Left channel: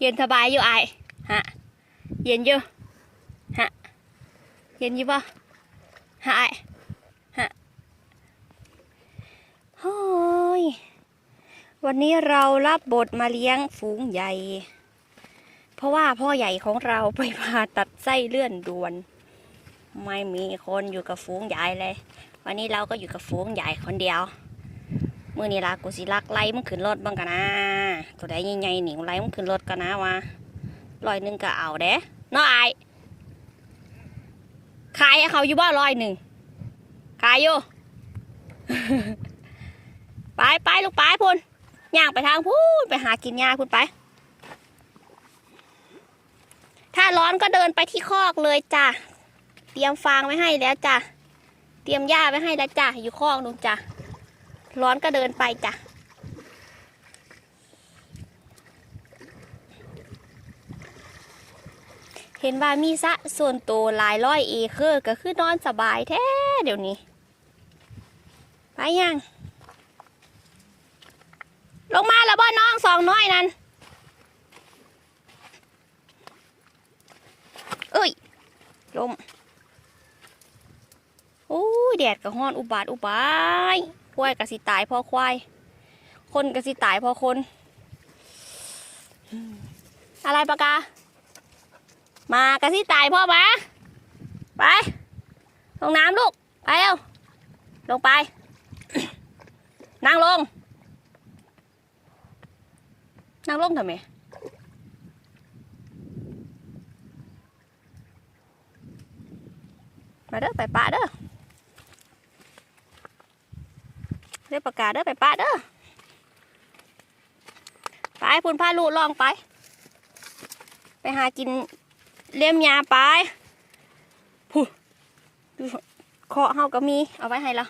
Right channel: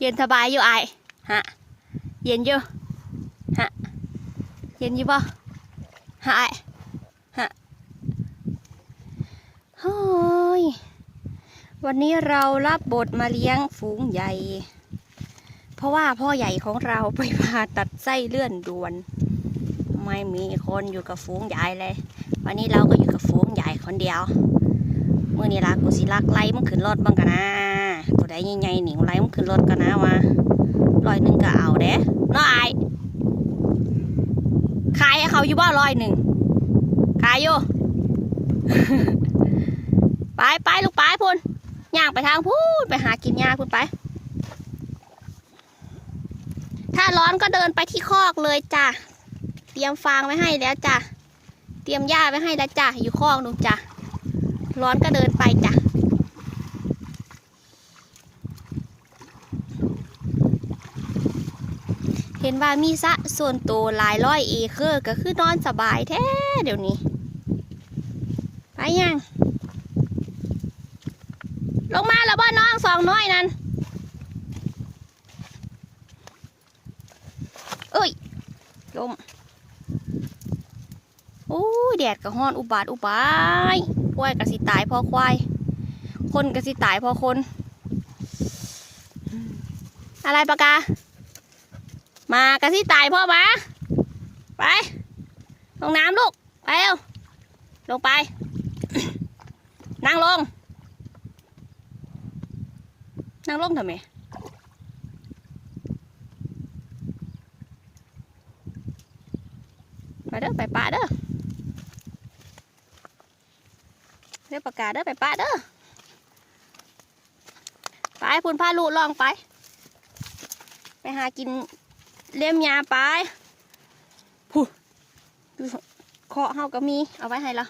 เย็นสบายอยู่ไอายฮะ เย็นอยู่ ฮะ เย็นอยู่ป่ะฮะไอายฮะโอ้ย วันนี้เรารับบทมาเลี้ยงฝูงใหญ่ เพราะว่าพ่อใหญ่ของเราไปผ่าตัดไส้เลื่อนด่วน ไม่มีคนอยู่กับฝูงใหญ่เลย วันนี้เราก็อยู่กับฝูงใหญ่คนเดียว มื่อนี้ละกูสิลักไล่มึงขึ้นรถบ้างกันนะ ตัวใดใหญ่ๆหนิงไล่มึงขึ้นรถกันนะวะร้อยหนึ่งก็เอาเด้น้อไอายขายให้เขาอยู่บ่ร้อยหนึ่งขายอยู่ไปไปลูกไปพุ่นย่างไปทางพูนไปหากินหญ้าพุ่นไป ถ้าร้อนก็เดินไปที่คอกเลยจ้ะเตรียมฟางไว้ให้แล้วจ้ะเตรียมหญ้าไว้ให้แล้วจ้ะอยู่คอกนู่นจ้ะร้อนก็เดินไปจ้ะ ห็นว่ามีสะส่วนตัวหลายร้อยเอเคอร์ก็คือนอนสบายแท้เดี๋ยวนี้ไปยัง ลงมาแล้วบ่น้องสองน้อยนั่นเอ้ยลมโอ้ยแดดก็ฮ้อนอุบาทอุบายควายกระสิตายพอควาย คนกระสิตายพอคน อะไรปะกา มากสิตายพ่อมาไปลงน้ำลูก ไปเร็วลงไป นั่งลง นั่งลงทำไมมาเด้อไปป่าเด้อเรียกประกาศเด้อไปป้าเด้อไปพุ่นพาลูกลองไป ไปหากิน เลี้ยมยาไปผู้ดูเคาะเฮาก็มี เอาไว้ให้เรา